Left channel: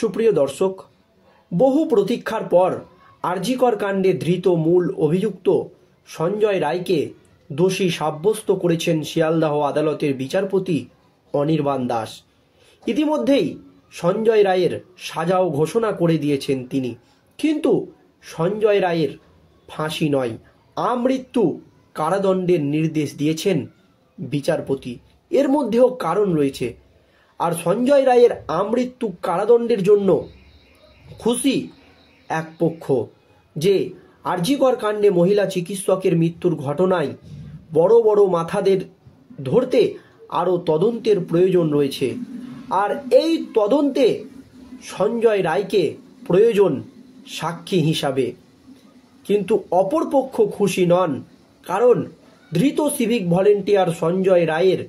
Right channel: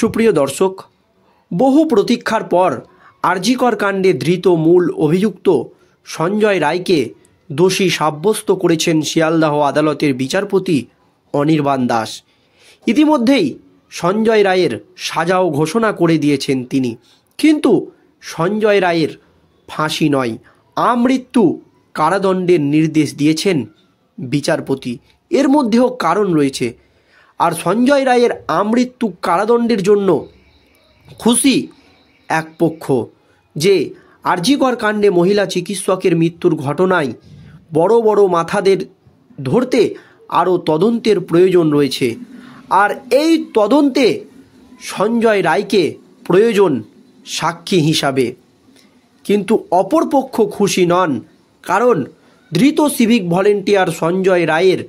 সুপ্রিয় দর্শক, বহু প্রতীক্ষার পর আরজিকর কাণ্ডে ধৃত মূল অভিযুক্ত সঞ্জয় রায়কে দোষী সাব্যস্ত করেছেন শিয়ালদহ আদালতের বিচারপতি অনির্বাণ দাস। ইতিমধ্যেই সঞ্জয় রায়ের সাজাও ঘোষণা করে দিয়েছেন তিনি। কিন্তু সঞ্জয় রায়ের ফাঁসি নয়, আমৃত্যু কারাদণ্ডের নির্দেশ দিয়েছেন বিচারপতি। এর মধ্যেও কারণ রয়েছে। আর সঞ্জয় রায়ের আমৃত্যু কারাদণ্ডের জন্য খুশি এক পক্ষ, যে আরজিকর কাণ্ডে মহিলা চিকিৎসকের মৃত্যুর ঘটনায় বড় বড় মাথাদের ধরতে আরও তদন্তের প্রয়োজন রয়েছে। আর এই তদন্তে সঞ্জয় রায়কে প্রয়োজন সাক্ষী হিসাবে। কিন্তু অপরপক্ষ খুশি নন, কারণ ধৃত সিভিক ভলেন্টিয়ার সঞ্জয় রায়ের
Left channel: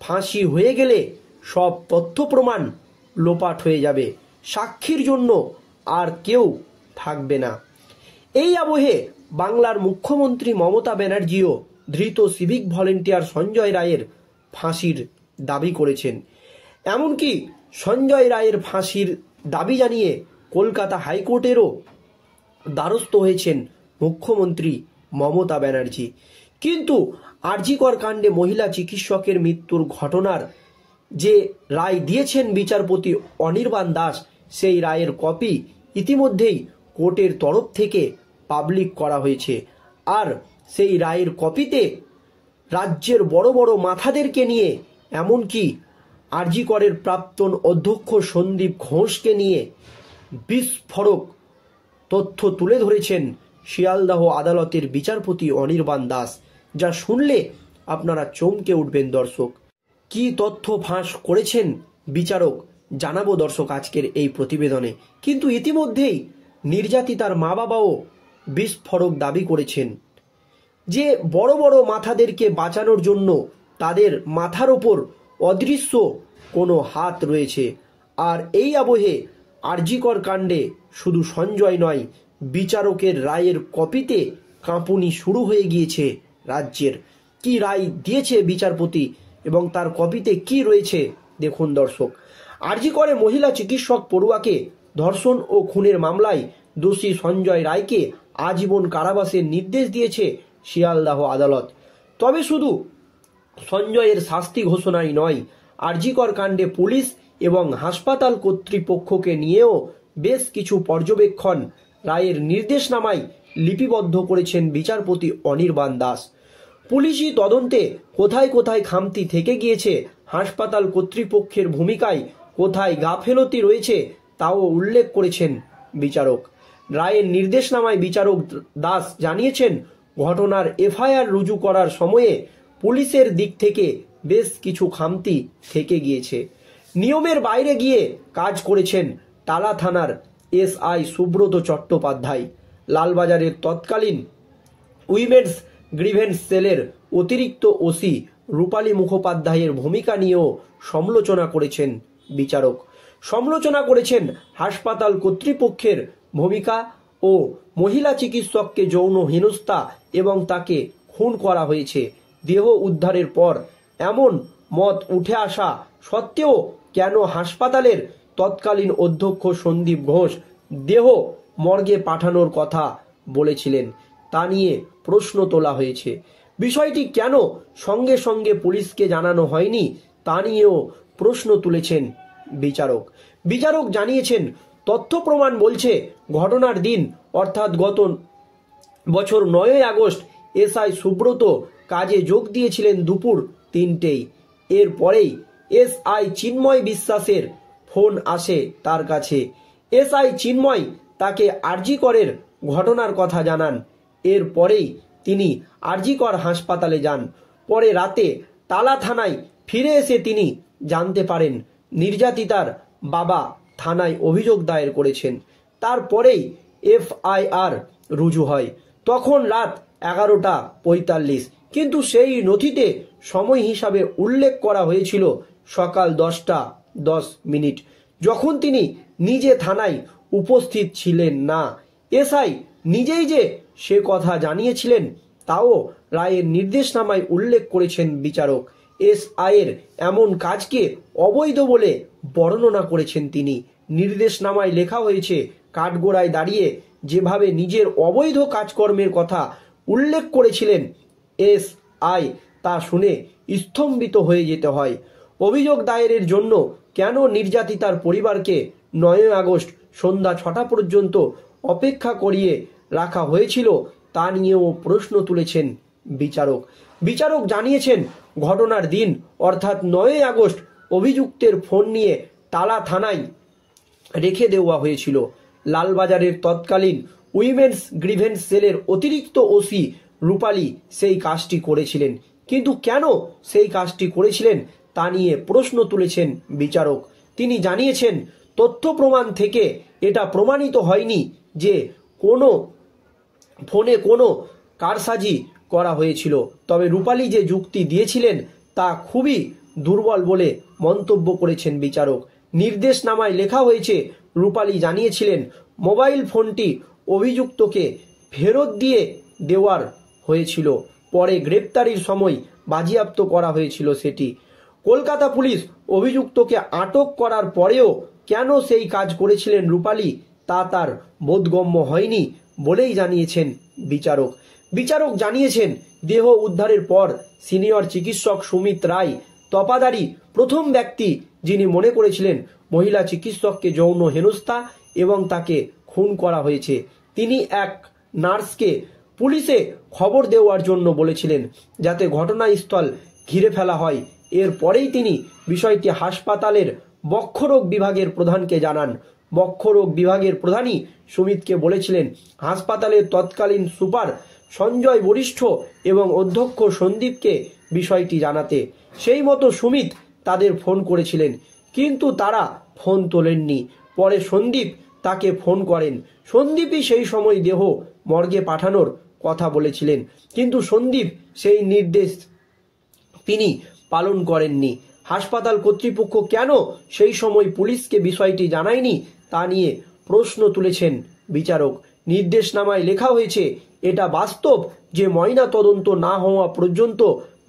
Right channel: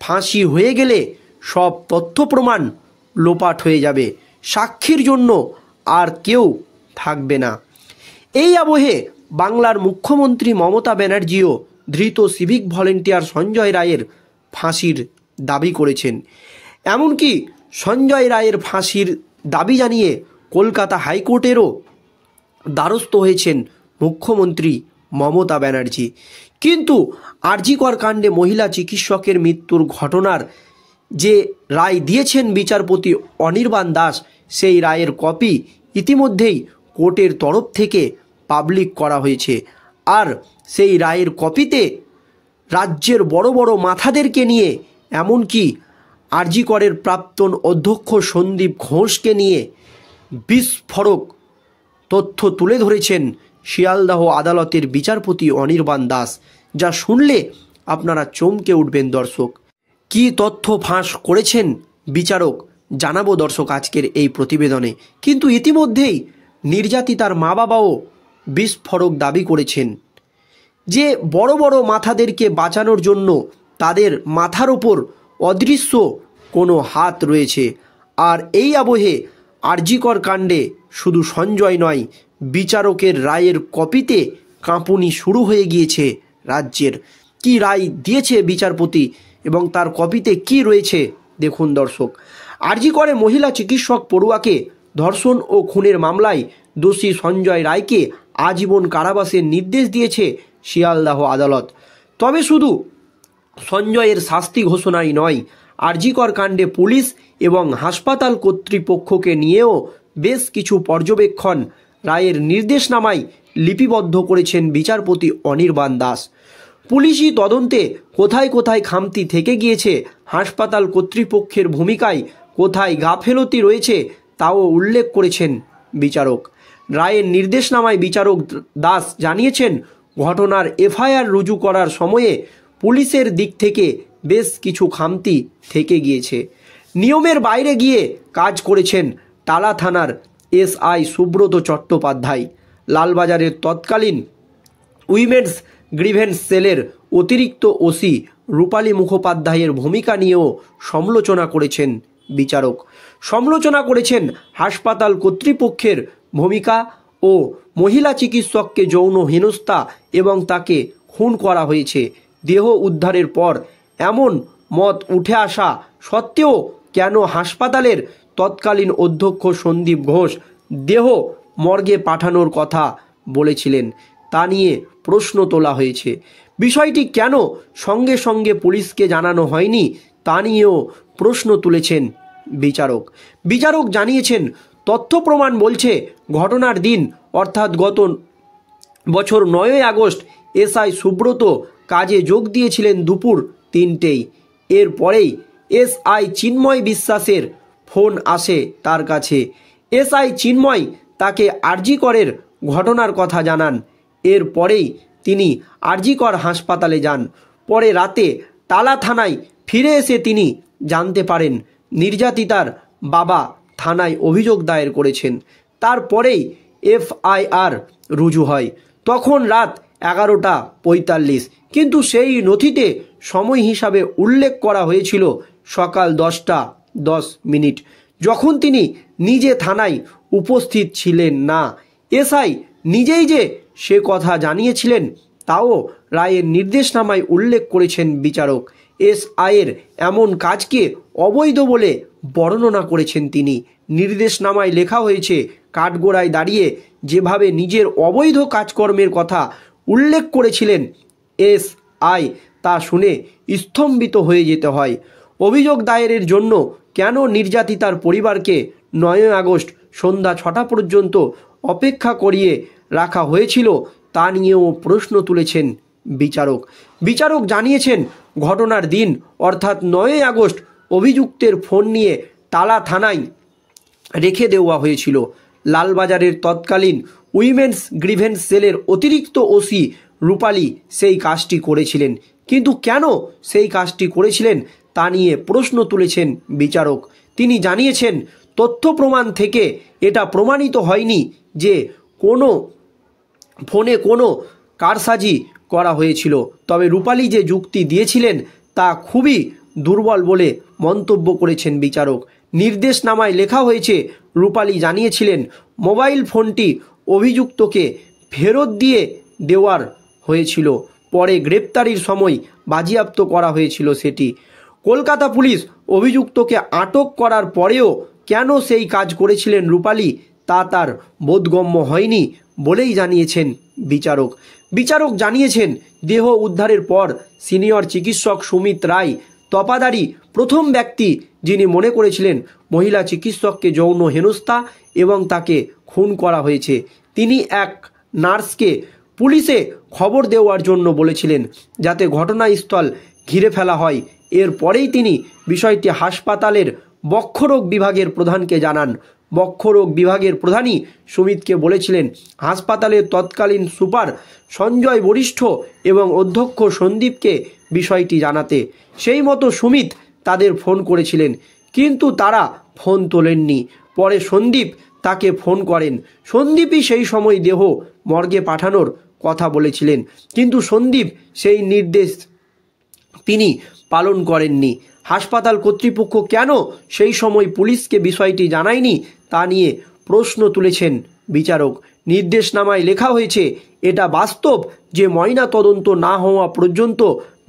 ফাঁসি হয়ে গেলে সব তথ্য প্রমাণ লোপাট হয়ে যাবে, সাক্ষীর জন্য আর কেউ থাকবে না। এই আবহে বাংলার মুখ্যমন্ত্রী মমতা ব্যানার্জিও ধৃত সিভিক ভলেন্টিয়ার সঞ্জয় রায়ের ফাঁসির দাবি করেছেন। এমনকি সঞ্জয় রায়ের ফাঁসির দাবি জানিয়ে কলকাতা হাইকোর্টেরও দ্বারস্থ হয়েছেন মুখ্যমন্ত্রী মমতা ব্যানার্জি। কিন্তু আরজিকর কাণ্ডে মহিলা চিকিৎসকের মৃত্যুর ঘটনার যে রায় দিয়েছেন বিচারপতি অনির্বাণ দাস, সেই রায়ের কপি ইতিমধ্যেই কোর্টের তরফ থেকে পাবলিক করা হয়েছে। আর সেই রায়ের কপিতে রাজ্যের বড় বড় মাথাদেরকে নিয়ে, এমনকি আরজিকরের প্রাক্তন অধ্যক্ষ সন্দীপ ঘোষকে নিয়ে বিস্ফোরক তথ্য তুলে ধরেছেন শিয়ালদহ আদালতের বিচারপতি অনির্বাণ দাস, যা শুনলে আপনারা চমকে উঠবেন। দর্শক, কি তথ্য ফাঁস করেছেন বিচারক জানাবো দর্শক আজকের এই প্রতিবেদনে। কিন্তু ইতিমধ্যেই নির্যাতিতার মা বাবাও বিস্ফোরক দাবি করেছেন যে বড় বড় মাথাদেরকে বাঁচানোর জন্য তাদের মাথার ওপর অদৃশ্য কোনো হাত রয়েছে। আর এই আবহে আরজিকর কাণ্ডে শুধু সঞ্জয় নয়, বিচারকের রায়ের কপিতে কাঁপুনি শুরু হয়ে গিয়েছে রাজ্যের। কি রায় দিয়েছে বিচারপতি এবং তার কপিতে কি রয়েছে দেখুন দর্শক। আরজিকরে মহিলা চিকিৎসক পড়ুয়াকে ধর্ষণ ও খুনের মামলায় দোষী সঞ্জয় রায়কে আজীবন কারাবাসের নির্দেশ দিয়েছে শিয়ালদহ আদালত। তবে শুধু সঞ্জয়ের শাস্তি ঘোষণাই নয়, আরজিকর কাণ্ডে পুলিশ এবং হাসপাতাল কর্তৃপক্ষকে নিয়েও বেশ কিছু পর্যবেক্ষণ রায়ের নির্দেশনামায় লিপিবদ্ধ করেছেন বিচারপতি অনির্বাণ দাস। পুলিশি তদন্তে কোথায় কোথায় খামতি থেকে গিয়েছে, হাসপাতাল কর্তৃপক্ষের ভূমিকায় কোথায় গাফেলতি রয়েছে, তাও উল্লেখ করেছেন বিচারক। রায়ের নির্দেশনামায় বিচারক দাস জানিয়েছেন, ঘটনার এফআইআর রুজু করার সময়ে পুলিশের দিক থেকে বেশ কিছু খামতি থেকে গিয়েছে। নিয়মের বাইরে গিয়ে কাজ করেছেন টালা থানার এসআই সুব্রত চট্টোপাধ্যায়। লালবাজারের তৎকালীন উইমেন্স গ্রিভেন্স সেলের অতিরিক্ত ওসি রূপালী মুখোপাধ্যায়ের ভূমিকা নিয়েও সমালোচনা করেছেন বিচারক। সমালোচনা করেছেন হাসপাতাল কর্তৃপক্ষের ভূমিকা ও মহিলা চিকিৎসককে যৌন হেনস্থা এবং তাকে খুন করা হয়েছে। দেহ উদ্ধারের পর এমন মত উঠে আসা সত্ত্বেও কেন হাসপাতালের তৎকালীন অধ্যক্ষ সন্দীপ ঘোষ দেহ মর্গে পাঠানোর কথা বলেছিলেন, তা নিয়ে প্রশ্ন তোলা হয়েছে। বিষয়টি কেন সঙ্গে সঙ্গে পুলিশকে জানানো হয়নি, তা নিয়েও প্রশ্ন তুলেছেন বিচারক। বিচারক জানিয়েছেন, তথ্য প্রমাণ বলছে ঘটনার দিন অর্থাৎ গত বছর 9ই আগস্ট এসআই সুব্রত কাজে যোগ দিয়েছিলেন দুপুর 3টেয়। এরপরেই এসআই চিন্ময় বিশ্বাসের ফোন আসে তার কাছে। এসআই চিন্ময় তাকে আরজিকরের ঘটনার কথা জানান। এরপরেই তিনি আরজিকর হাসপাতালে যান। পরে রাতে টালা থানায় ফিরে এসে তিনি জানতে পারেন নির্যাতিতার বাবা থানায় অভিযোগ দায়ের করেছেন। তারপরেই এফআইআর রুজু হয়। তখন রাত 11:45, কিন্তু সেই নথিতে সময় হিসাবে উল্লেখ করা হয়েছিল সকাল 10:10, যখন তিনি নিজে থানায় উপস্থিত ছিলেন না। এসআই নিজেই যে সে কথা জানিয়েছিলেন তাও রায়ের নির্দেশনামায় উল্লেখ করেছেন বিচারক। এসআইয়ের এমন কাজকে অবৈধ বলে বর্ণনা করেছেন তিনি। নির্দেশনামায় লেখা হয়েছে, কাঠগোড়ায় দাঁড়িয়ে যেভাবে নিজের অবৈধ কাজকর্মের কথা উল্লেখ করেছিলেন এসআই, তা শুনে স্তম্ভিত হয়ে যেতে হয়। অভিযোগ দায়েরের জন্য কেন নির্যাতিতার পরিবারকে 9 আগস্ট সন্ধ্যা 6টা পর্যন্ত অপেক্ষা করিয়ে রাখা হয়েছিল তা নিয়েও প্রশ্ন তুলেছেন বিচারক। বিচারক জানিয়েছেন, ঘটনার দিন অর্থাৎ 9 আগস্ট অভিযুক্তের ফোন নিয়ে টালা থানায় রেখে দেওয়া হয়েছিল। লালবাজারের তৎকালীন উইমেন্স গ্রিভেন্স সেলের অতিরিক্ত ওসি রূপালী সেই কাজটি করেছিলেন। কিন্তু কেন সেই কাজটি করেছিলেন তা নিয়ে প্রশ্ন তুলেছেন বিচারক। তিনি জানিয়েছেন, তথ্য প্রমাণ থেকে এটা প্রমাণিত হয়নি যে কোনো ফোনে কোনো কারসাজি করা হয়েছিল। তবে রূপালী যে যুক্তি দিয়েছিলেন তা খুবই দুর্বল বলে মন্তব্য করেছেন বিচারক। নির্দেশনামায় লেখা হয়েছে, রূপালী জানিয়েছিলেন মোবাইল ফোনটি অভিযুক্তকে ফেরত দিয়ে দেওয়ার হয়েছিল, পরে গ্রেপ্তারির সময় বাজেয়াপ্ত করা হয়েছিল সেটি। কলকাতা পুলিশ অভিযুক্তকে আটক করার পরেও কেন সেই কাজ করেছিলেন রূপালী তা তার বোধগম্য হয়নি বলেই জানিয়েছেন বিচারক। বিচারক জানিয়েছেন, দেহ উদ্ধারের পর সিনিয়র চিকিৎসক সুমিত রায় তপাদারি প্রথম ব্যক্তি যিনি মনে করেছিলেন মহিলা চিকিৎসককে যৌন হেনস্থা এবং তাকে খুন করা হয়েছে। তিনি এক নার্সকে পুলিশে খবর দেওয়ার জন্য বলেছিলেন যাতে ঘটনাস্থল ঘিরে ফেলা হয়। এরপরেই তিনি বিষয়টি হাসপাতালের বক্ষরোগ বিভাগের প্রধানকে জানান। বক্ষরোগ বিভাগের প্রধানই সুমিতকে বলেছিলেন হাসপাতালের তৎকালীন সুপার সঞ্জয় বরিষ্ঠ এবং অধ্যক্ষ সন্দীপকে বিষয়টি জানাতে। সেই মতো সুমিত তাদের ফোন করেছিলেন, কিন্তু তারা ফোন তোলেননি। পরে সন্দীপ তাকে ফোন করেন। সন্দীপই সেই সময় দেহ মর্গে পাঠানোর কথা বলেছিলেন, কিন্তু সন্দীপ সেই নির্দেশ তিনি পালন করেননি। হাসপাতাল কর্তৃপক্ষ কেন সেই সময় পুলিশকে বিষয়টি জানায়নি তা নিয়ে প্রশ্ন তুলেছেন বিচারক। নির্দেশনামায় লেখা হয়েছে, এটা বাস্তব যে ময়না তদন্ত না হওয়া পর্যন্ত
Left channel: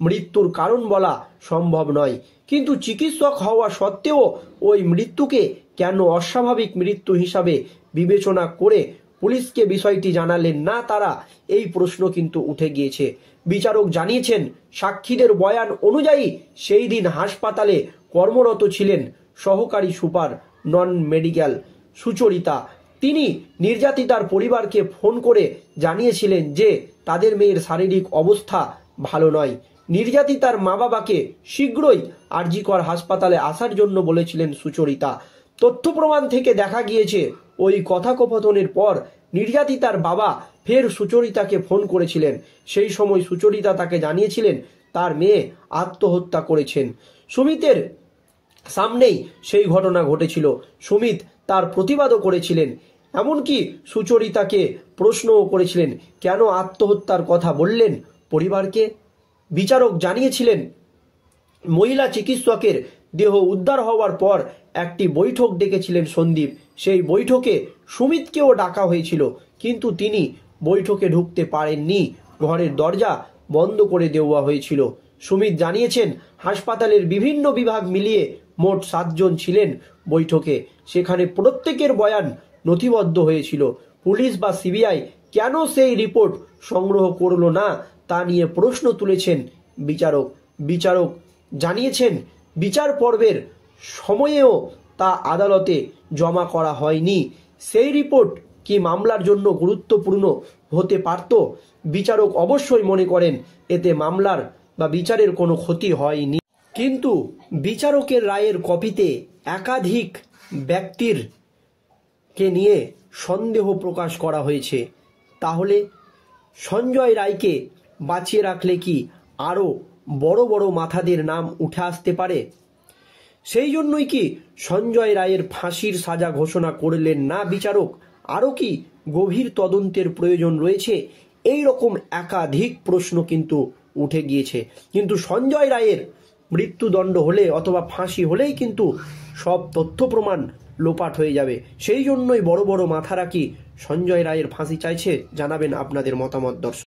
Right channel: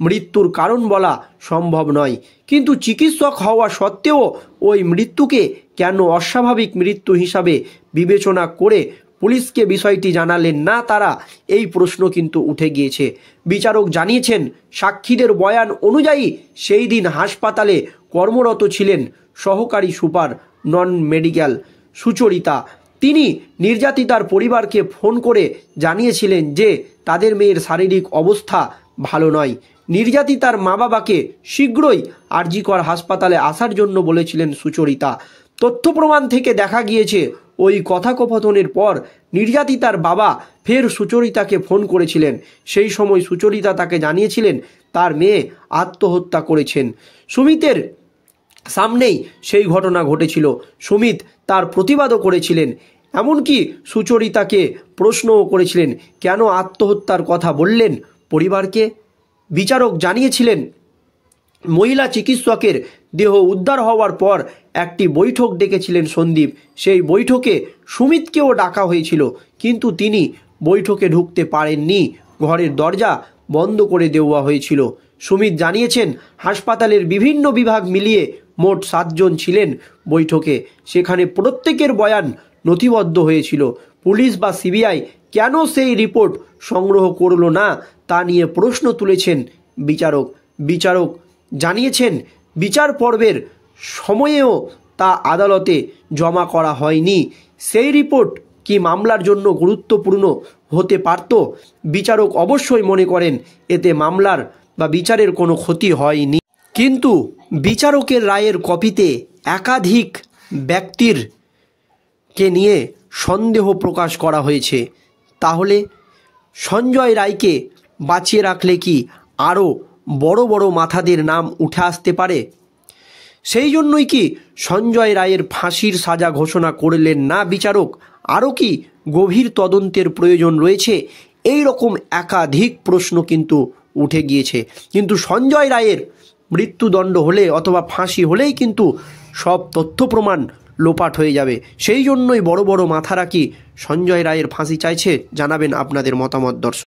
মৃত্যুর কারণ বলা সম্ভব নয়, কিন্তু চিকিৎসক হওয়া সত্ত্বেও ওই মৃত্যুকে কেন অস্বাভাবিক মৃত্যু হিসাবে বিবেচনা করে পুলিশকে বিষয়টি জানালেন না তারা, এই প্রশ্ন কিন্তু উঠে গিয়েছে। বিচারক জানিয়েছেন, সাক্ষীদের বয়ান অনুযায়ী সেই দিন হাসপাতালে কর্মরত ছিলেন সহকারী সুপার নন মেডিকেল সুচরিতা। তিনি নির্যাতিতার পরিবারকে ফোন করে জানিয়েছিলেন যে তাদের মেয়ের শারীরিক অবস্থা ভালো নয়। নির্যাতিতার মা বাবাকে শীঘ্রই আরজিকর হাসপাতালে আসার জন্য বলেছিলেন সুচরিতা। তথ্য প্রমাণ থেকে দেখা গিয়েছে ওই কথোপকথনের পর নির্যাতিতার বাবা ফের সুচরিতাকে ফোন করেছিলেন। সেই সময় সুচরিতা তাকে জানিয়েছিলেন তার মেয়ে আত্মহত্যা করেছেন। সুমিতের সামনেই সেই ঘটনা ঘটেছিল। সুমিত তার প্রতিবাদও করেছিলেন, এমনকি সুচরিতাকে প্রশ্নও করেছিলেন কেন আত্মহত্যার কথা বললেন পরিবারকে। বিচারক জানিয়েছিলেন, মহিলা চিকিৎসকের দেহ উদ্ধার হওয়ার পর একটি বৈঠক ডেকেছিলেন সন্দীপ। সেই বৈঠকে সুমিতকেও ডাকা হয়েছিল, কিন্তু তিনি বৈঠকে ঢুকতে পারেননি, ঘরের দরজা বন্ধ করে দেওয়া হয়েছিল। সুমিত জানিয়েছেন, হাসপাতালের বিভিন্ন বিভাগ মিলিয়ে মোট 7 জন ছিলেন বৈঠকে। সেখানে প্রত্যেকের বয়ান নথিবদ্ধ হয়েছিল। পুলিশ বা সিবিআই কেন সেই রিপোর্ট সংগ্রহ করল না তা নিয়ে প্রশ্ন তুলেছেন বিচারক। বিচারক জানিয়েছেন, বিচার পর্বের সময়েও তা আদালতে জমা করা হয়নি। সেই রিপোর্ট কি মামলার জন্য গুরুত্বপূর্ণ হতে পারত? বিচারক অবশ্যই মনে করেন এতে মামলার বা বিচারের কোনো ক্ষতি হয়নি, কিন্তু বিচারকের রায়ের কপিতে একাধিক ব্যক্তির কে নিয়ে সন্দেহ প্রকাশ করা হয়েছে। তাহলে সঞ্জয় রায়কে বাঁচিয়ে রাখলে কি আরও বড় বড় মাথাদের নাম উঠে আসতে পারে? সেই জন্যই কি সঞ্জয় রায়ের ফাঁসির সাজা ঘোষণা করলেন না বিচারক? আরও কি গভীর তদন্তের প্রয়োজন রয়েছে? এই রকম একাধিক প্রশ্ন কিন্তু উঠে গিয়েছে। কিন্তু সঞ্জয় রায়ের মৃত্যুদণ্ড হলে অথবা ফাঁসি হলেই কিন্তু সব তথ্য প্রমাণ লোপাট হয়ে যাবে। সেই জন্যই বড় বড় মাথারা কি সঞ্জয় রায়ের ফাঁসি চাইছে? জানাবেন আপনাদের মতামত দর্শক।